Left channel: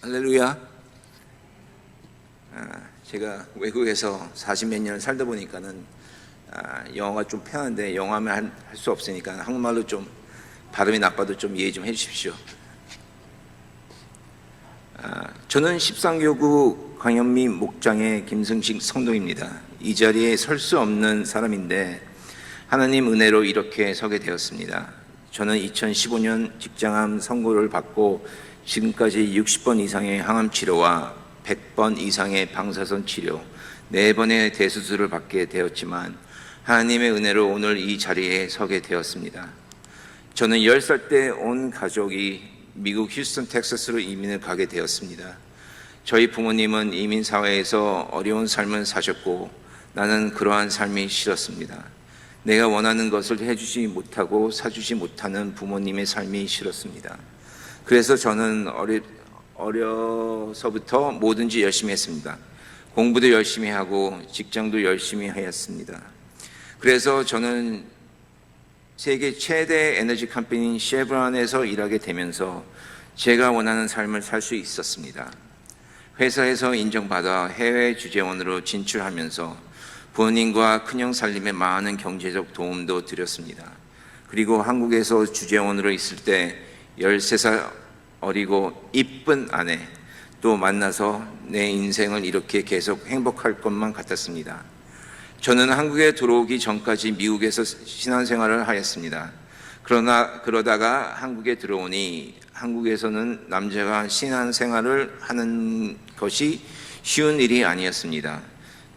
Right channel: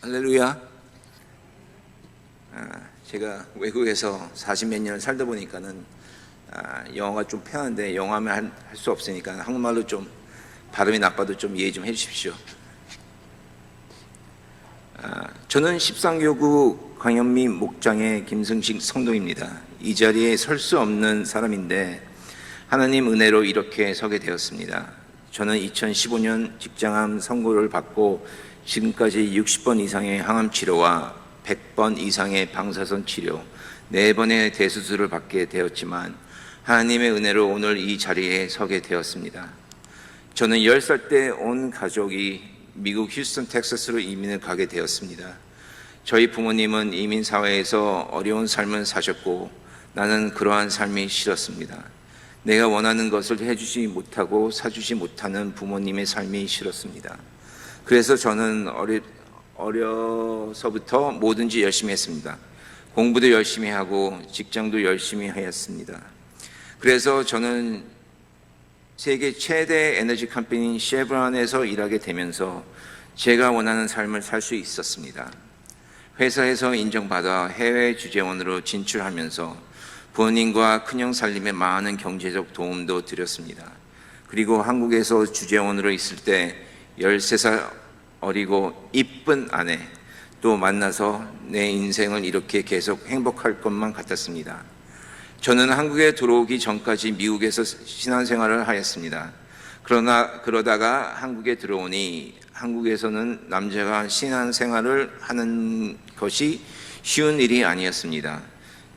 할렐루야. 제가 외국에서 40몇 년을 살다 보니까는 영어가 좀 편한데 영어하면 할 수 없으니까 한국말로 좀 발음이 나빠도 좀 이해 좀 해주십시오. 저는 십상교구 광현미 목장의 김승식 성도입니다. 이 자리에 설 수 없는 사람인데 하나님 은혜로 이렇게 서게 되었습니다. 저는 2015년 직장암 선고를 받고 지금까지 60번 이상의 항암 치료와 100번 이상의 방사선 치료, 4번의 대수술을 받게 되었지만 하나님의 은혜로 오늘 이 자리에 서게 되었습니다. 저는 10살 때 온 가족이 미국 휴스턴 텍사스로 이민을 가게 되었습니다. 저희 부모님은 이민 사회에서 어려운 삶을 사셨고 나는 그러한 삶이 싫었습니다. 내가 원하는 것을 해주지 못하고 사주지 못하는 부모님의 삶이 싫었습니다. 그래서 저는 어려서부터 뭐든지 열심히 했습니다. 공부도 열심히 하고 직장도 열심히 하였습니다. 그래서 저는 세계 최대 에너지 컴퍼니인 쉐브론에서 일하게 되면서 제가 원하는 삶을 살 수 있었습니다. 회사에서 인정받아 해외 주재원으로 진출하면서 부모님과 큰형 살림에 많은 경제적 도움도 드렸습니다. 그리고 한국에서 주재원으로 있을 때 13살 어리고 이쁜 아내 또 만나서 내 인생을 이렇게 계속 행복할 것만 같았습니다. 저는 한국에 들어오기 전까지 미국에서 신앙생활을 하였습니다. 그러다가 한국에 들어오니 한국에서는 남자가 신앙생활을 하는 것이 쉬운 일이 아니었습니다.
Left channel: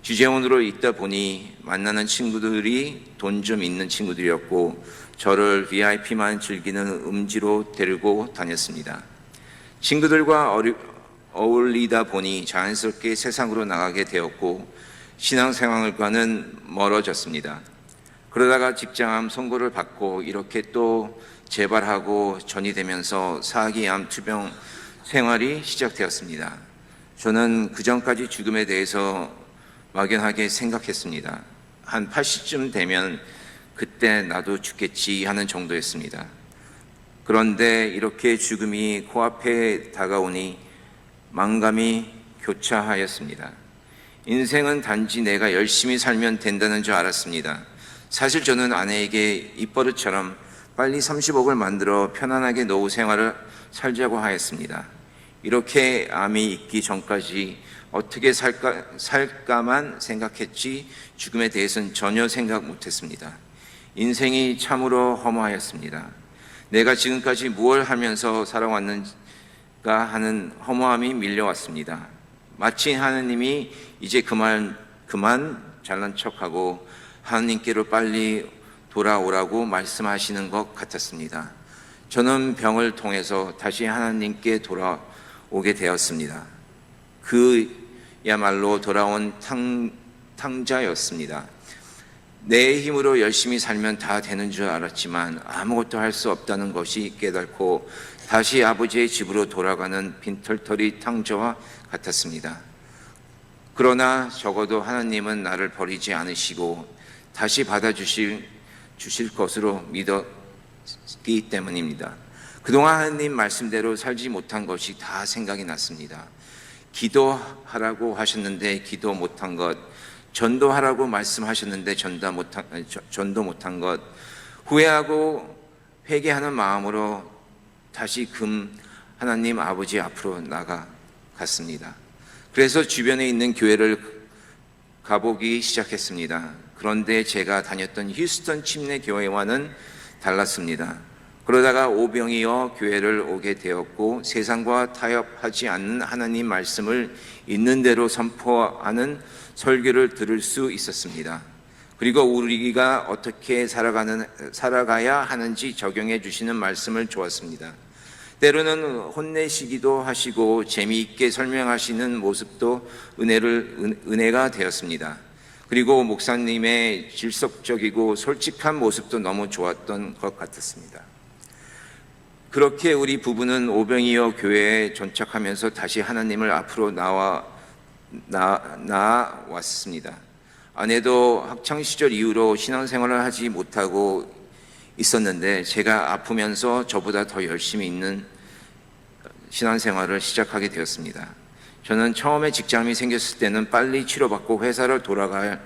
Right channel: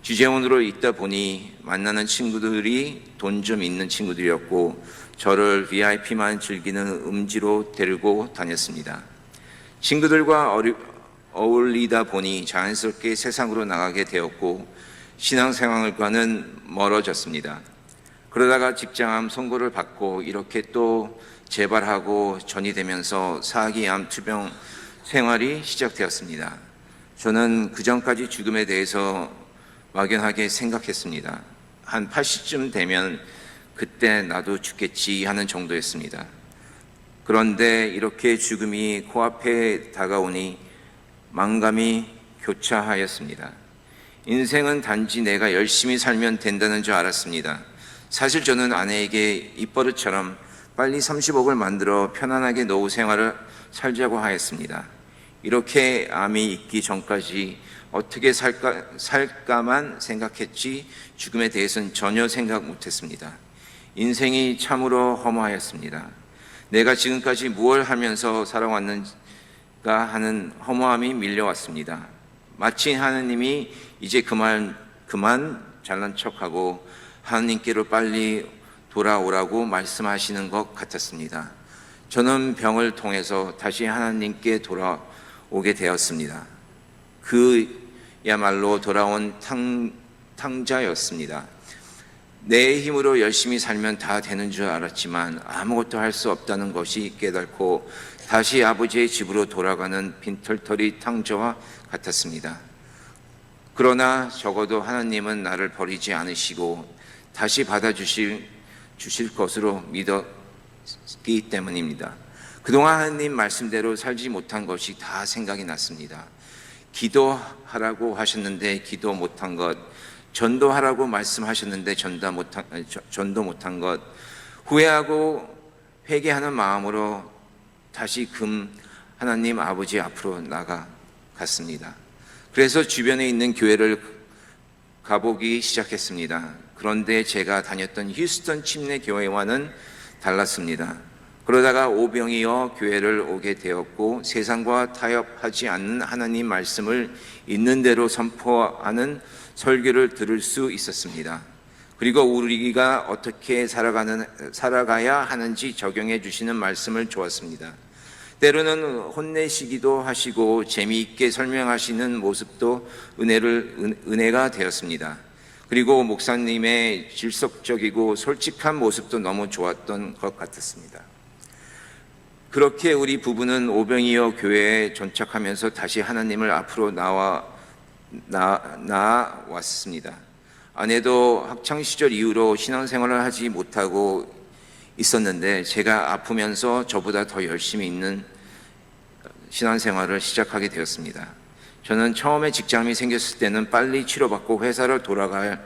주재원으로 있다 보니 만나는 친구들이 돈 좀 있는 친구들이었고 저를 VIP만 즐기는 음지로 데리고 다녔습니다. 친구들과 어울리다 보니 자연스럽게 세상으로 나가게 되었고 신앙생활과는 멀어졌습니다. 그러다가 직장암 선고를 받고 이렇게 또 재발하고 전이 되면서 4기 암 투병 생활이 시작되었습니다. 저는 그전까지 죽음에 대해서 막연하게 생각했습니다. 한 80쯤 되면 그때 나도 죽겠지 하는 정도였습니다. 그런데 이렇게 죽음이 코앞에 다가오니 망감이 교차하였습니다. 인생은 단지 내가 열심히 살면 된다는 줄 알았습니다. 사실 저는 아내에게 입버릇처럼 빨리 30억을 만들어 편안하게 노후 생활을 살자고 하였습니다. 이렇게 암이 있기 전까지 어떻게 살까만 생각했지 죽음에 대해서는 전혀 생각 못했습니다. 인생이 참으로 허무하였습니다. 내가 지금까지 무엇을 하면서 살아왔는가 하는 허무함이 밀려왔습니다. 마치 하느님이 이제 그만 잘난 척하고 하느님께로 빨리 돌아오라고 말씀하시는 것 같았습니다. 저는 병을 통해서 다시 하나님께 돌아오게 되었습니다. 그야말로 돌아온 탕자였습니다. 내 힘으로 열심히 살면 다 되는 줄 알았지만 아무것도 할 수 없다는 것이 깨닫고 다시 아버지의 집으로 돌아가는 빈털터리 탕자와 같았습니다. 그러나 적어도 하나님은 나를 버리지 않으시고 다시 받아주실 것으로 믿었기 때문입니다. 그동안 하나님 말씀대로 살지 못한 것이 다 생각이 났습니다. 기도하라고 하셨는데 기도 못한 것, 전도하라고 말씀하셨는데 전도 못한 것, 후회하고 회개하는 마음으로 다시 하나님 아버지 앞으로 나아갔습니다. 그래서 주변에 있는 교회를 가보기 시작했습니다. 그런데 제가 다녔던 휴스턴 침례 교회와는 달랐습니다. 그러다가 오병이어 교회를 오게 되었고 세상과 타협하지 않는 하나님 말씀을 있는 대로 선포하는 설교를 들을 수 있었습니다. 그리고 우리가 어떻게 살아가야 하는지 적용해 주시는 말씀을 주었습니다. 때로는 혼내시기도 하시고 재미있게 설명하시는 모습도 은혜가 되었습니다. 그리고 목사님의 질석적이고 솔직한 모습도 너무 좋았던 것 같았습니다. 그렇게 우리 부부는 오병이어 교회에 전착하면서 다시 하나님을 앞으로 나아왔습니다. 아내도 학창시절 이후로 신앙생활을 하지 못하고 있었는데 제가 아프면서 저보다 더 열심히 있는 신앙생활을 시작하게 되었습니다. 저는 처음에 직장이 생겼을 때는 빨리 치료받고 회사를 돌아갈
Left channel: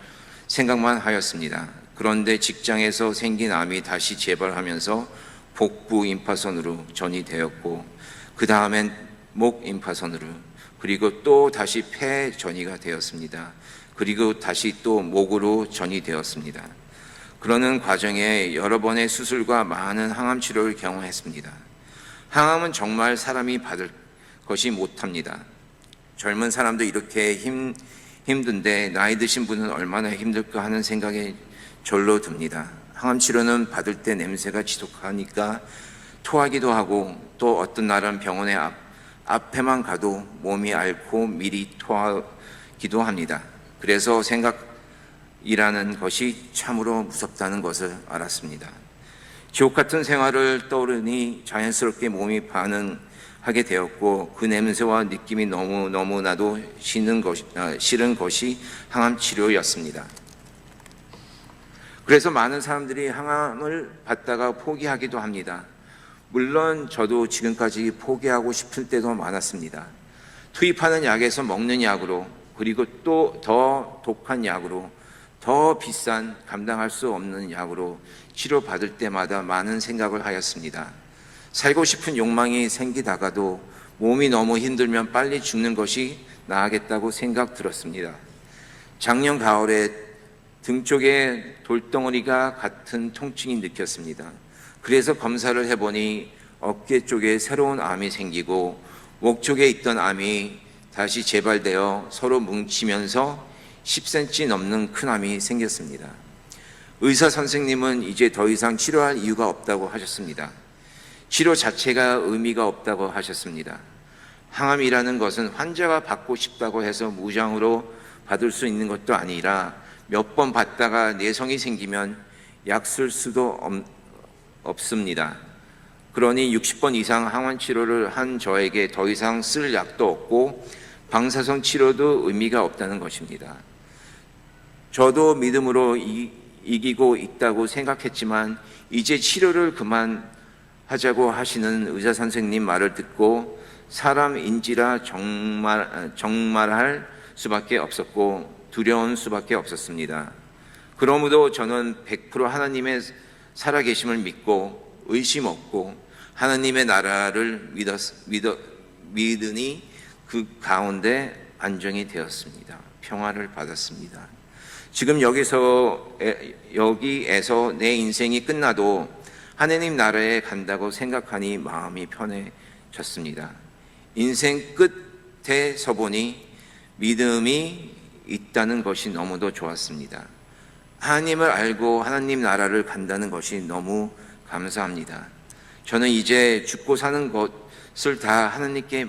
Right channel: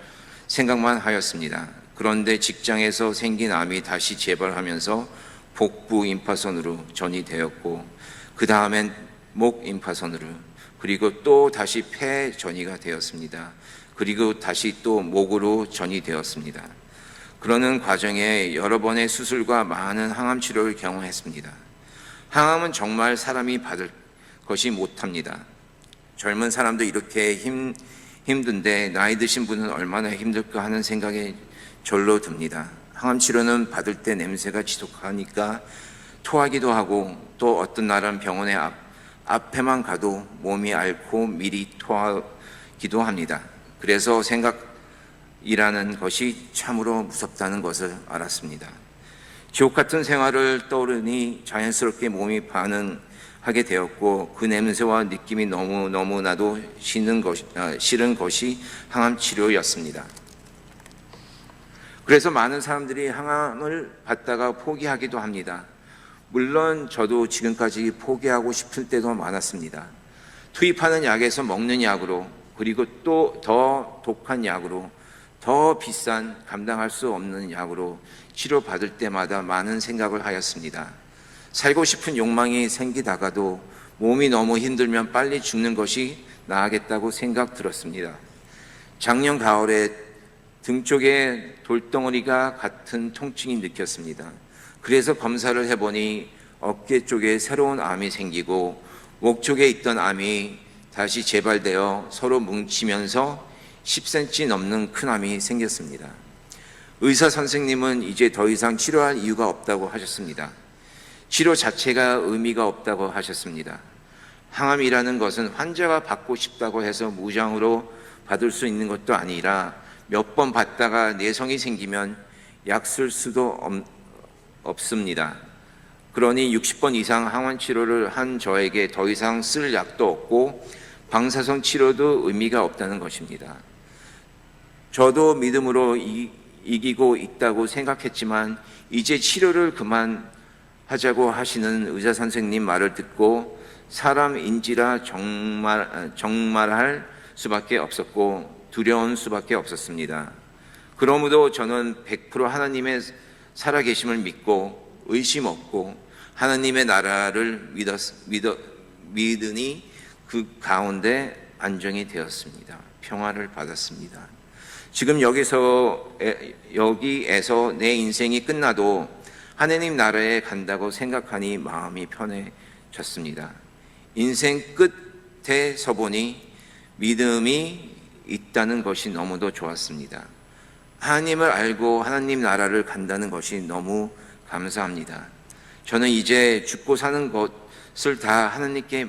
생각만 하였습니다. 그런데 직장에서 생긴 암이 다시 재발하면서 복부 임파선으로 전이되었고 그 다음엔 목 임파선으로, 그리고 또 다시 폐 전이가 되었습니다. 그리고 다시 또 목으로 전이되었습니다. 그러는 과정에 여러 번의 수술과 많은 항암 치료를 경험했습니다. 항암은 정말 사람이 받을 것이 못합니다. 젊은 사람도 이렇게 힘든데 나이 드신 분은 얼마나 힘들까 하는 생각이 절로 듭니다. 항암 치료는 받을 때 냄새가 지독하니까 토하기도 하고, 또 어떤 날은 병원에 앞에만 가도 몸이 앓고 미리 토하기도 합니다. 그래서 생각이라는 것이 참으로 무섭다는 것을 알았습니다. 지옥 같은 생활을 떠오르니 자연스럽게 몸이 반응하게 되었고, 그 냄새와 느낌이 너무나도 싫은 것이 항암 치료였습니다. 그래서 많은 사람들이 항암을 받다가 포기하기도 합니다. 물론 저도 지금까지 포기하고 싶을 때도 많았습니다. 투입하는 약에서 먹는 약으로, 그리고 또 더 독한 약으로, 더 비싼 감당할 수 없는 약으로 치료받을 때마다 많은 생각을 하였습니다. 살고 싶은 욕망이 생기다가도 몸이 너무 힘들면 빨리 죽는 것이 나으겠다고 생각 들었습니다. 작년 가을에 등 쪽에 돌덩어리가 같은 통증이 느꼈습니다. 그래서 검사를 해보니 어깨 쪽에 새로운 암이 생기고 목 쪽에 있던 암이 다시 재발되어 서로 뭉치면서 10cm 넘는 큰 암이 생겼습니다. 의사 선생님은 이제 더 이상 치료할 이유가 없다고 하셨습니다. 치료 자체가 의미가 없다고 하셨습니다. 항암이라는 것은 환자가 받고 싶다고 해서 무장으로 받을 수 있는 것도 아니라 몇 번 받다가 내성이 생기면 약 쓸 수도 없습니다. 그러니 60번 이상 항암 치료를 한 저에게 더 이상 쓸 약도 없고 방사선 치료도 의미가 없다는 것입니다. 저도 믿음으로 이기고 있다고 생각했지만 이제 치료를 그만하자고 하시는 의사 선생님 말을 듣고 사람인지라 정말할 수밖에 없었고 두려운 수밖에 없었습니다. 그러므로 저는 100% 하나님의 살아계심을 믿고 의심 없고 하나님의 나라를 믿으니 그 가운데 안정이 되었습니다. 평화를 받았습니다. 지금 여기에서 내 인생이 끝나도 하나님 나라에 간다고 생각하니 마음이 편해졌습니다. 인생 끝에 서보니 믿음이 있다는 것이 너무도 좋았습니다. 하나님을 알고 하나님 나라를 간다는 것이 너무 감사합니다. 저는 이제 죽고 사는 것을 다 하나님께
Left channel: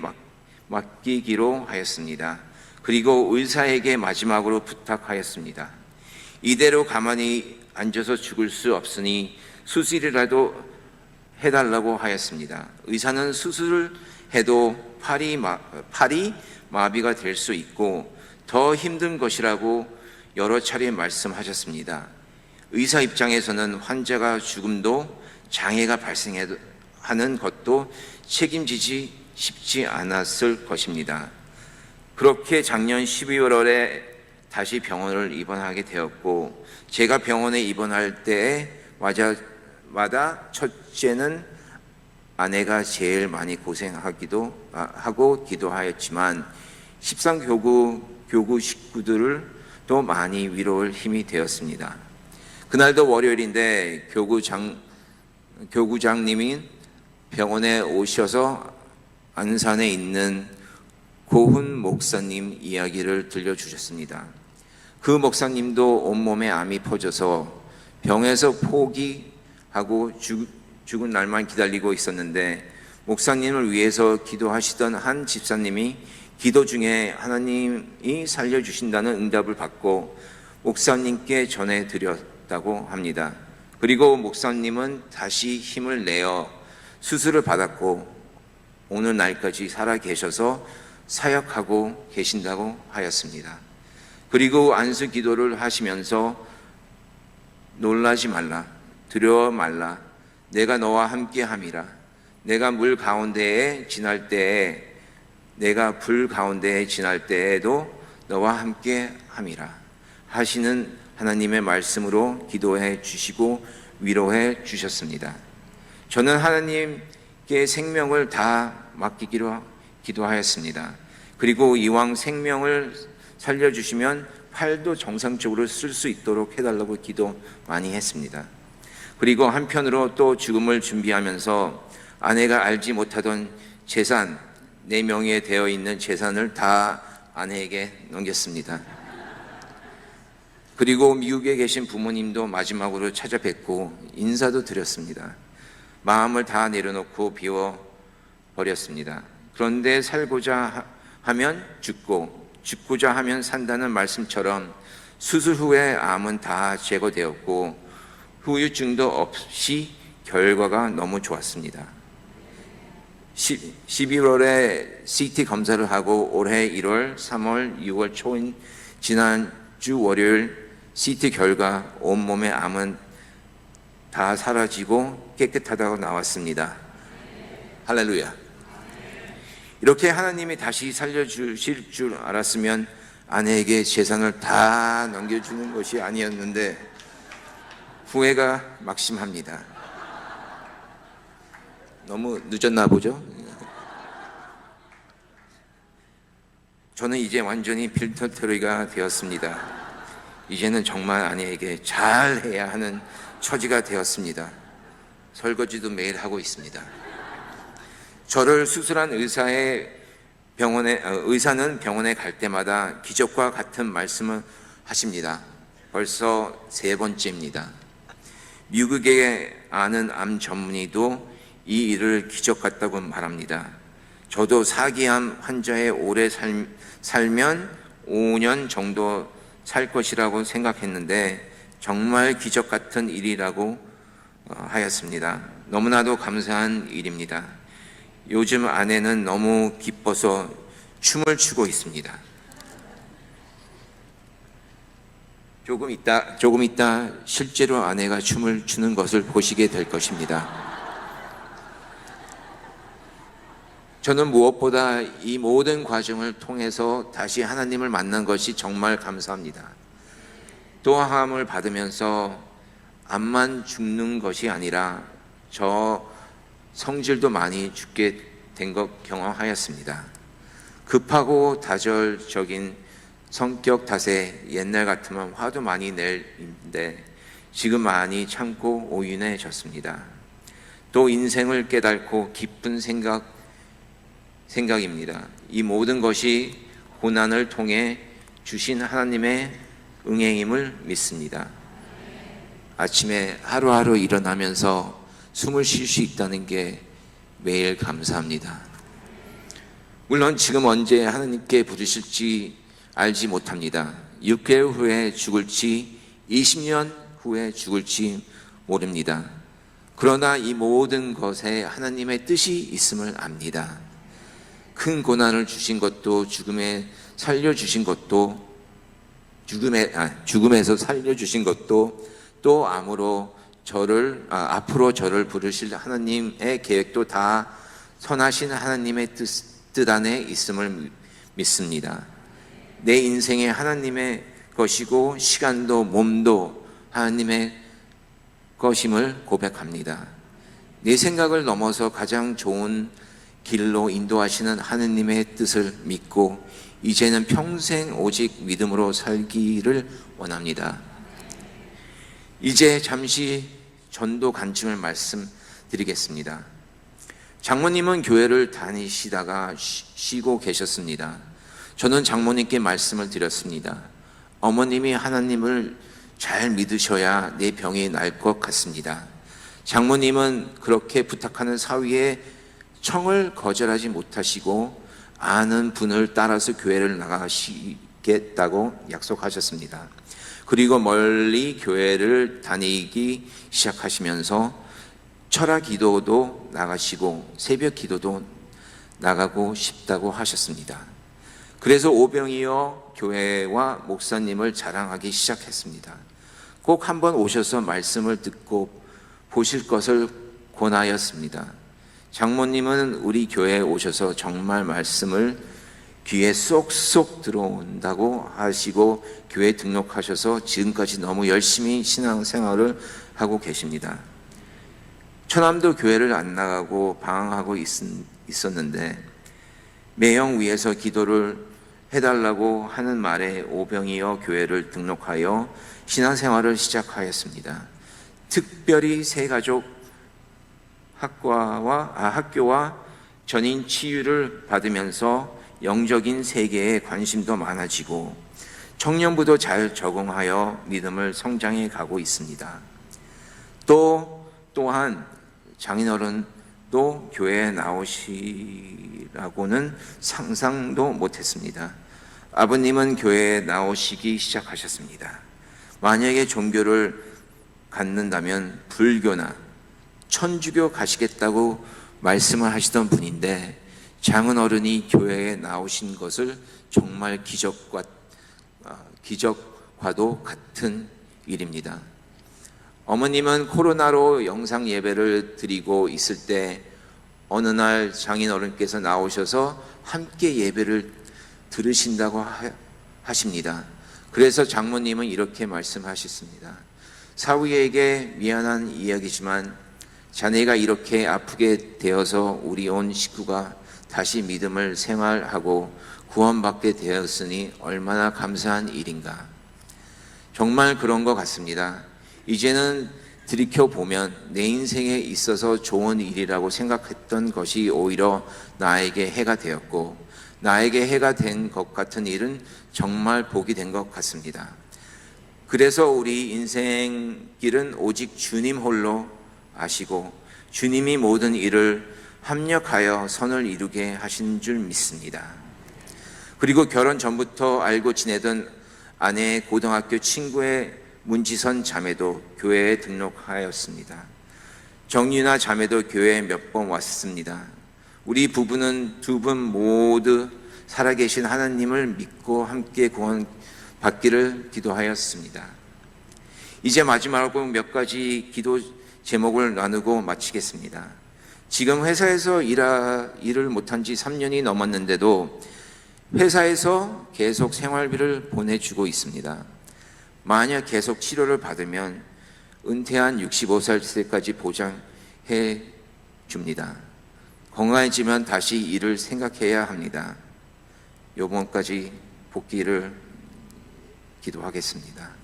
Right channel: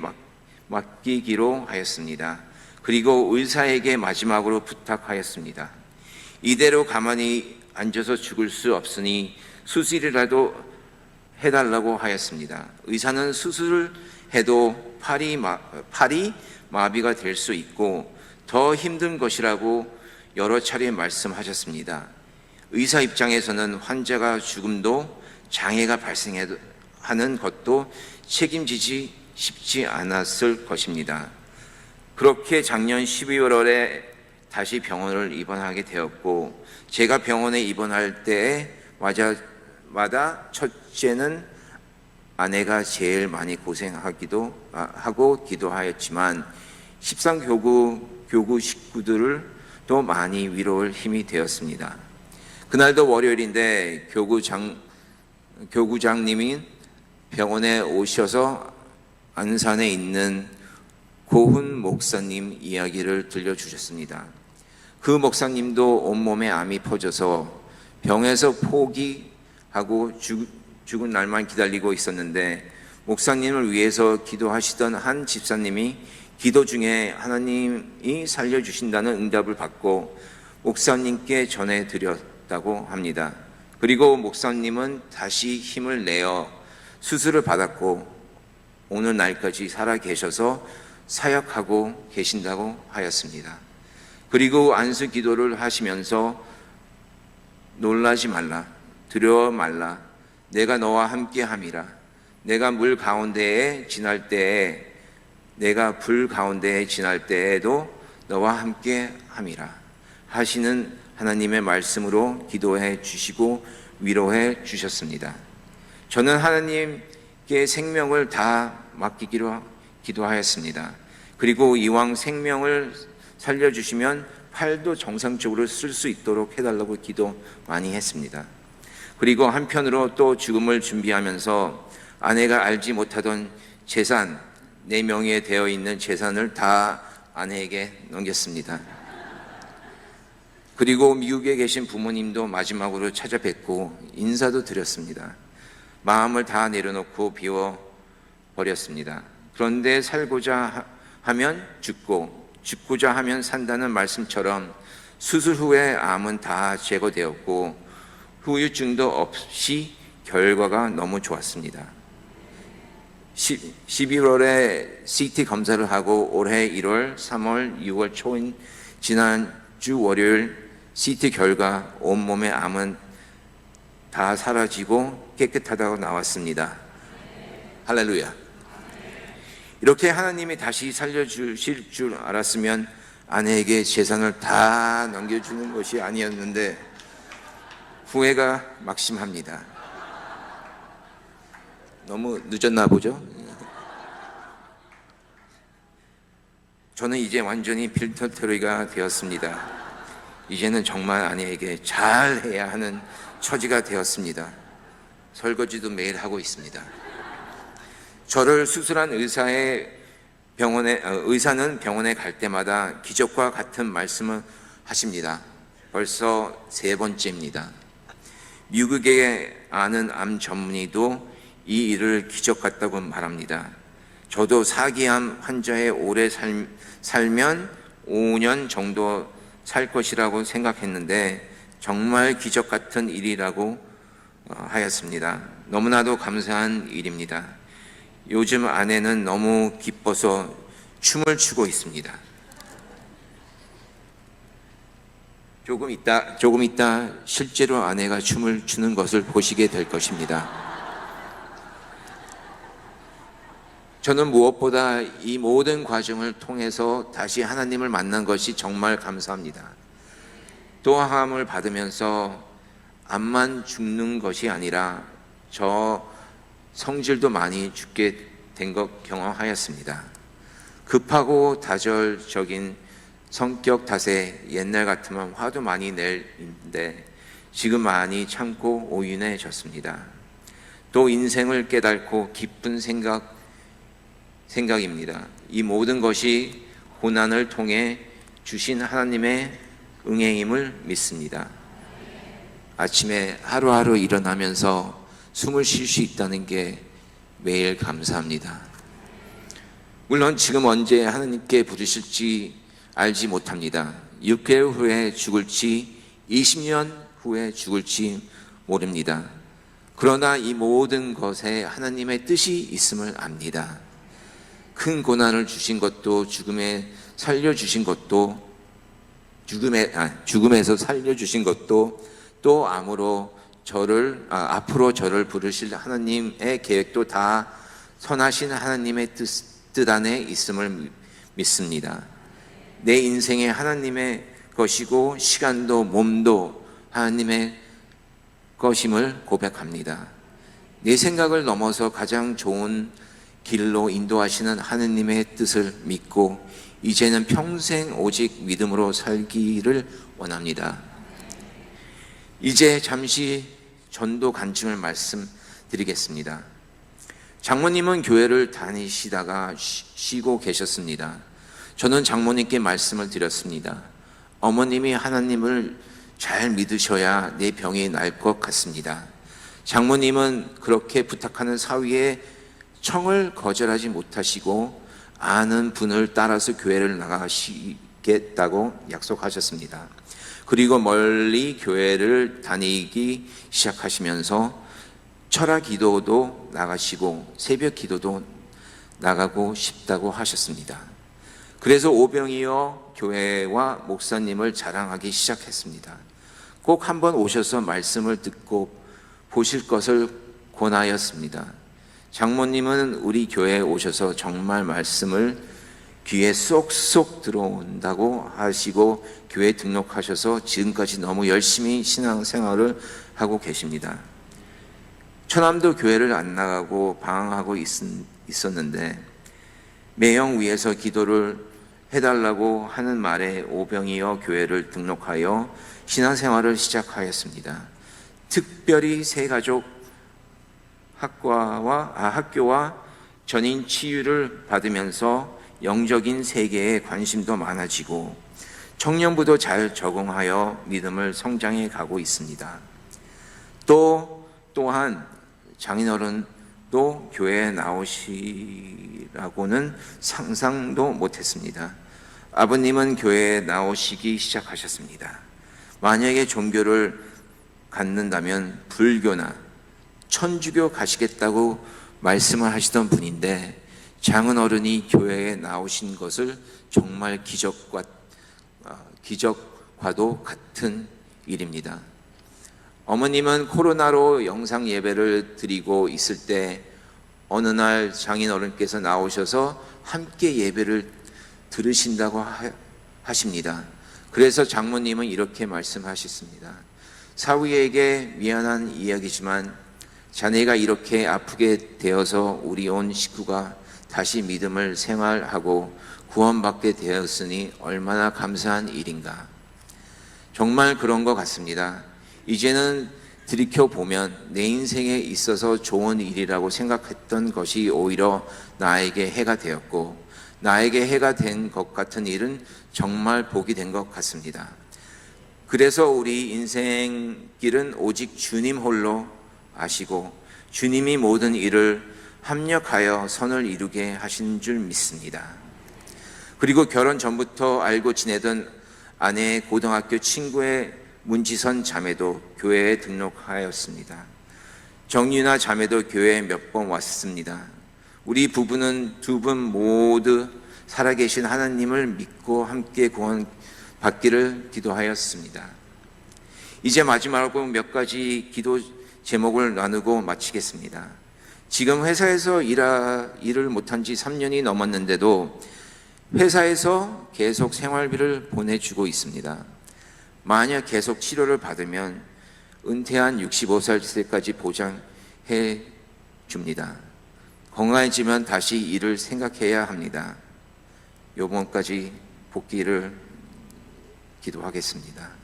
맡기기로 하였습니다. 그리고 의사에게 마지막으로 부탁하였습니다. 이대로 가만히 앉아서 죽을 수 없으니 수술이라도 해달라고 하였습니다. 의사는 수술을 해도 팔이 마비가 될 수 있고 더 힘든 것이라고 여러 차례 말씀하셨습니다. 의사 입장에서는 환자가 죽음도 장애가 발생하는 것도 책임지지 쉽지 않았을 것입니다. 그렇게 작년 12월에 다시 병원을 입원하게 되었고, 제가 병원에 입원할 때마다 첫째는 아내가 제일 많이 고생하기도 하고 기도하였지만 13교구 식구들을 또 많이 위로할 힘이 되었습니다. 그날도 월요일인데 교구장님이 병원에 오셔서 안산에 있는 고훈 목사님 이야기를 들려주셨습니다. 그 목사님도 온몸에 암이 퍼져서 병에서 포기하고 죽은 날만 기다리고 있었는데 목사님을 위해서 기도하시던 한 집사님이 기도 중에 하나님이 살려주신다는 응답을 받고 목사님께 전해드렸다고 합니다. 그리고 목사님은 다시 힘을 내어 수술을 받았고 오늘 날까지 살아 계셔서 사역하고 계신다고 하였습니다. 그리고 안수 기도를 하시면서 놀라지 말라, 두려워 말라, 내가 너와 함께 함이라, 내가 물 가운데에 지날 때에 내가 불 가운데에 지날 때에도 너와 함께 함이라 하시는 하나님의 말씀으로 기도해 주시고 위로해 주셨습니다. 저는 하나님께 생명을 다 맡기기로 기도하였습니다. 그리고 이왕 생명을 살려주시면 팔도 정상적으로 쓸 수 있도록 해달라고 기도 많이 했습니다. 그리고 한편으로 또 죽음을 준비하면서 아내가 알지 못하던 재산, 내 명의에 되어 있는 재산을 다 아내에게 넘겼습니다. 그리고 미국에 계신 부모님도 마지막으로 찾아뵙고 인사도 드렸습니다. 마음을 다 내려놓고 비워버렸습니다. 그런데 살고자 하면 죽고 죽고자 하면 산다는 말씀처럼 수술 후에 암은 다 제거되었고 후유증도 없이 결과가 너무 좋았습니다. 12월에 CT 검사를 하고 올해 1월, 3월, 6월 초인 지난주 월요일 CT 결과 온몸의 암은 다 사라지고 깨끗하다고 나왔습니다. 할렐루야. 이렇게 하나님이 다시 살려주실 줄 알았으면 아내에게 재산을 다 넘겨주는 것이 아니었는데 후회가 막심합니다. 너무 늦었나 보죠? 저는 이제 완전히 필터터리가 되었습니다. 이제는 정말 아내에게 잘해야 하는 처지가 되었습니다. 설거지도 매일 하고 있습니다. 저를 수술한 의사는 병원에 갈 때마다 기적과 같은 말씀을 하십니다. 벌써 3번째입니다. 미국에 아는 암 전문의도 이 일을 기적 같다고 말합니다. 저도 사기암 환자의 오래 살면 5년 정도 살 것이라고 생각했는데 정말 기적 같은 일이라고 하였습니다. 너무나도 감사한 일입니다. 요즘 아내는 너무 기뻐서 춤을 추고 있습니다. 조금 있다 실제로 아내가 춤을 추는 것을 보시게 될 것입니다. 저는 무엇보다 이 모든 과정을 통해서 다시 하나님을 만난 것이 정말 감사합니다. 또함을 받으면서 암만 죽는 것이 아니라 저 성질도 많이 죽게 된 것 경험하였습니다. 급하고 다절적인 성격 탓에 옛날 같으면 화도 많이 낼인데 지금 많이 참고 오윤해졌습니다. 또 인생을 깨닫고 기쁜 생각입니다. 이 모든 것이 고난을 통해 주신 하나님의 응행임을 믿습니다. 아침에 하루하루 일어나면서 숨을 쉴 수 있다는 게 매일 감사합니다. 물론 지금 언제 하나님께 부르실지 알지 못합니다. 6개월 후에 죽을지 20년 후에 죽을지 모릅니다. 그러나 이 모든 것에 하나님의 뜻이 있음을 압니다. 큰 고난을 주신 것도 죽음에서 살려주신 것도 또 앞으로 저를 부르실 하나님의 계획도 다 선하신 하나님의 뜻 안에 있음을 믿습니다. 내 인생이 하나님의 것이고 시간도 몸도 하나님의 것임을 고백합니다. 내 생각을 넘어서 가장 좋은 길로 인도하시는 하느님의 뜻을 믿고 이제는 평생 오직 믿음으로 살기를 원합니다. 이제 잠시 전도 간증을 말씀드리겠습니다. 장모님은 교회를 다니시다가 쉬고 계셨습니다. 저는 장모님께 말씀을 드렸습니다. 어머님이 하나님을 잘 믿으셔야 내 병이 날 것 같습니다. 장모님은 그렇게 부탁하는 사위에 청을 거절하지 못하시고 아는 분을 따라서 교회를 나가시겠다고 약속하셨습니다. 그리고 멀리 교회를 다니기 시작하시면서 철학 기도도 나가시고 새벽 기도도 나가고 싶다고 하셨습니다. 그래서 오병이어 교회와 목사님을 자랑하기 시작했습니다. 꼭 한번 오셔서 말씀을 듣고 보실 것을 권하였습니다. 장모님은 우리 교회에 오셔서 정말 말씀을 귀에 쏙쏙 들어온다고 하시고 교회 등록하셔서 지금까지 너무 열심히 신앙생활을 하고 계십니다. 처남도 교회를 안 나가고 방황하고 있었는데 매형 위에서 기도를 해달라고 하는 말에 오병이어 교회를 등록하여 신앙생활을 시작하였습니다. 특별히 새가족 학교와 전인 치유를 받으면서 영적인 세계에 관심도 많아지고 청년부도 잘 적응하여 믿음을 성장해 가고 있습니다. 또한 장인어른도 교회에 나오시라고는 상상도 못했습니다. 아버님은 교회에 나오시기 시작하셨습니다. 만약에 종교를 갖는다면 불교나 천주교 가시겠다고 말씀을 하시던 분인데 장인어른이 교회에 나오신 것을 정말 기적과도 같은 일입니다. 어머님은 코로나로 영상 예배를 드리고 있을 때 어느 날 장인어른께서 나오셔서 함께 예배를 들으신다고 하십니다. 그래서 장모님은 이렇게 말씀하셨습니다. 사위에게 미안한 이야기지만 자네가 이렇게 아프게 되어서 우리 온 식구가 다시 믿음을 생활하고 구원받게 되었으니 얼마나 감사한 일인가. 정말 그런 것 같습니다. 이제는 들이켜보면 내 인생에 있어서 좋은 일이라고 생각했던 것이 오히려 나에게 해가 되었고 나에게 해가 된 것 같은 일은 정말 복이 된 것 같습니다. 그래서 우리 인생길은 오직 주님 홀로 아시고 주님이 모든 일을 합력하여 선을 이루게 하신 줄 믿습니다. 그리고 결혼 전부터 알고 지내던 아내의 고등학교 친구의 문지선 자매도 교회에 등록하였습니다. 정유나 자매도 교회에 몇 번 왔습니다. 우리 부부는 두 분 모두 살아계신 하나님을 믿고 함께 구원받기를 기도하였습니다. 이제 마지막으로 몇 가지 기도 제목을 나누고 마치겠습니다. 지금 회사에서 일을 못한 지 3년이 넘었는데도 회사에서 계속 생활비를 보내주고 있습니다. 만약 계속 치료를 받으면 은퇴한 65살까지 보장해 줍니다. 건강해지면 다시 일을 생각해야 합니다. 요번까지 복귀를 기도하겠습니다.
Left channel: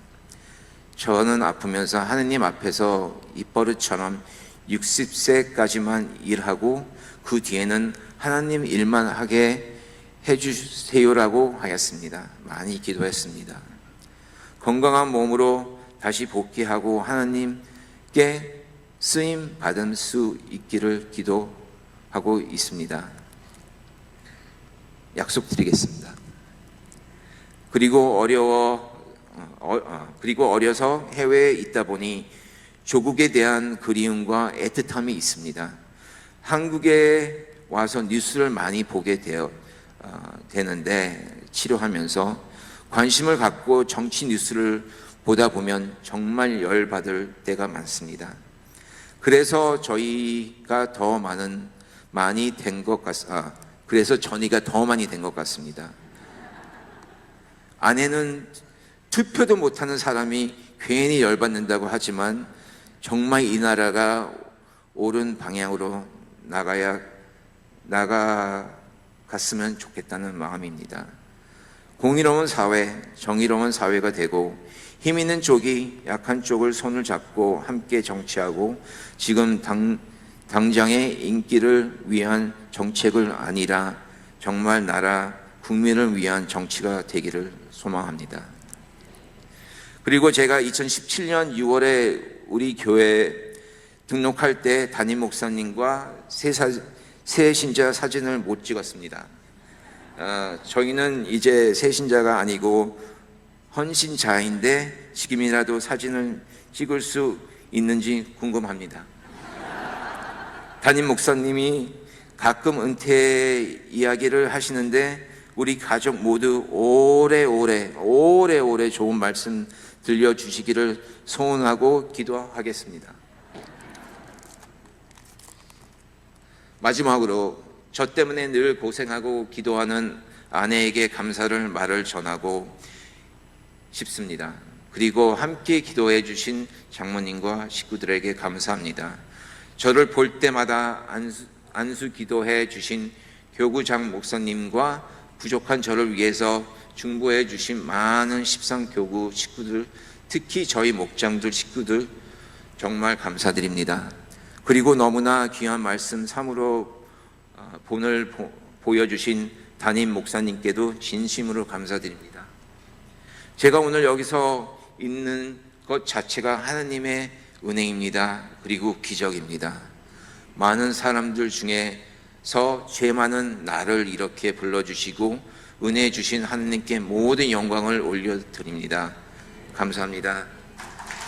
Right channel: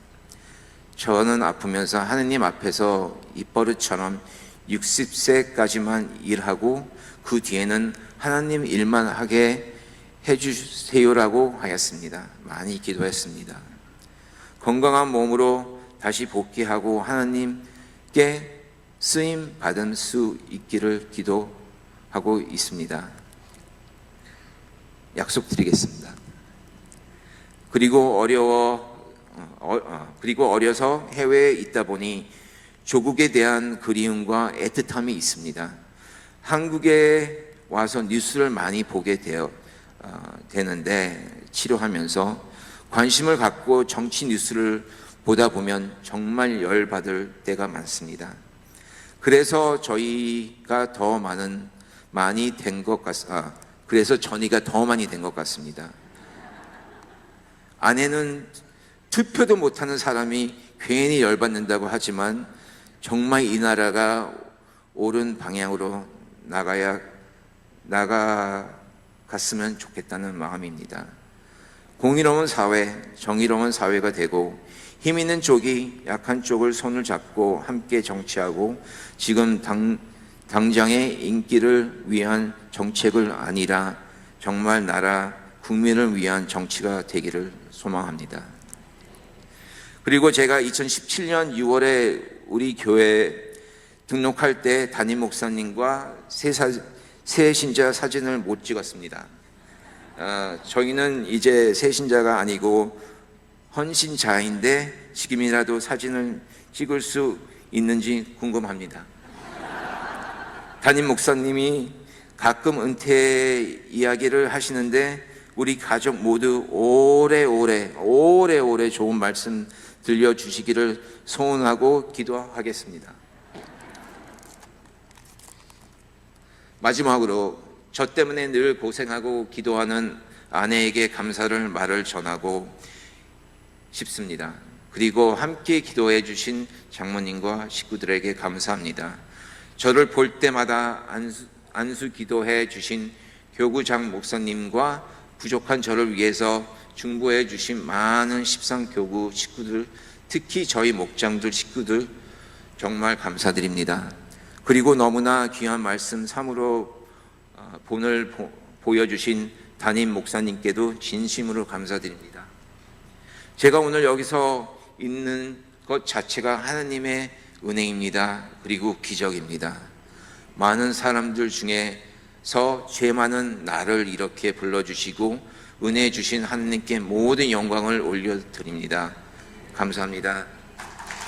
저는 아프면서 하느님 앞에서 입버릇처럼 60세까지만 일하고 그 뒤에는 하나님 일만 하게 해주세요라고 하였습니다. 많이 기도했습니다. 건강한 몸으로 다시 복귀하고 하나님께 쓰임 받을 수 있기를 기도하고 있습니다. 약속드리겠습니다. 그리고 어려서 해외에 있다 보니 조국에 대한 그리움과 애틋함이 있습니다. 한국에 와서 뉴스를 많이 보게 되는데 치료하면서 관심을 갖고 정치 뉴스를 보다 보면 정말 열받을 때가 많습니다. 그래서 저희가 더 많이 된 것 같습니다. 아내는 투표도 못하는 사람이 괜히 열받는다고 하지만 정말 이 나라가 옳은 방향으로 나가갔으면 좋겠다는 마음입니다. 공의로운 사회, 정의로운 사회가 되고 힘 있는 쪽이 약한 쪽을 손을 잡고 함께 정치하고 지금 당장의 인기를 위한 정책을 아니라 정말 나라 국민을 위한 정치가 되기를 소망합니다. 그리고 제가 2017년 6월에 우리 교회 등록할 때 담임 목사님과 새 신자 사진을 못 찍었습니다. 저희는 이제 새 신자가 아니고 헌신자인데 지금이라도 사진을 찍을 수 있는지 궁금합니다. 담임 목사님이 가끔 은퇴 이야기를 하시는데 우리 가족 모두 오래오래 좋은 말씀 들려주시기를 소원하고 기도하겠습니다. 마지막으로 저 때문에 늘 고생하고 기도하는 아내에게 감사를 말을 전하고 싶습니다. 그리고 함께 기도해 주신 장모님과 식구들에게 감사합니다. 저를 볼 때마다 안수 기도해 주신 교구장 목사님과 부족한 저를 위해서 중보해 주신 많은 십상교구 식구들, 특히 저희 목장들 식구들 정말 감사드립니다. 그리고 너무나 귀한 말씀 참으로 본을 보여주신 담임 목사님께도 진심으로 감사드립니다. 제가 오늘 여기서 있는 것 자체가 하나님의 은혜입니다. 그리고 기적입니다. 많은 사람들 중에서 죄 많은 나를 이렇게 불러주시고 은혜 주신 하나님께 모든 영광을 올려드립니다. 감사합니다.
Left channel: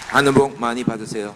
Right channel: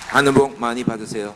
하늘 복 많이 받으세요.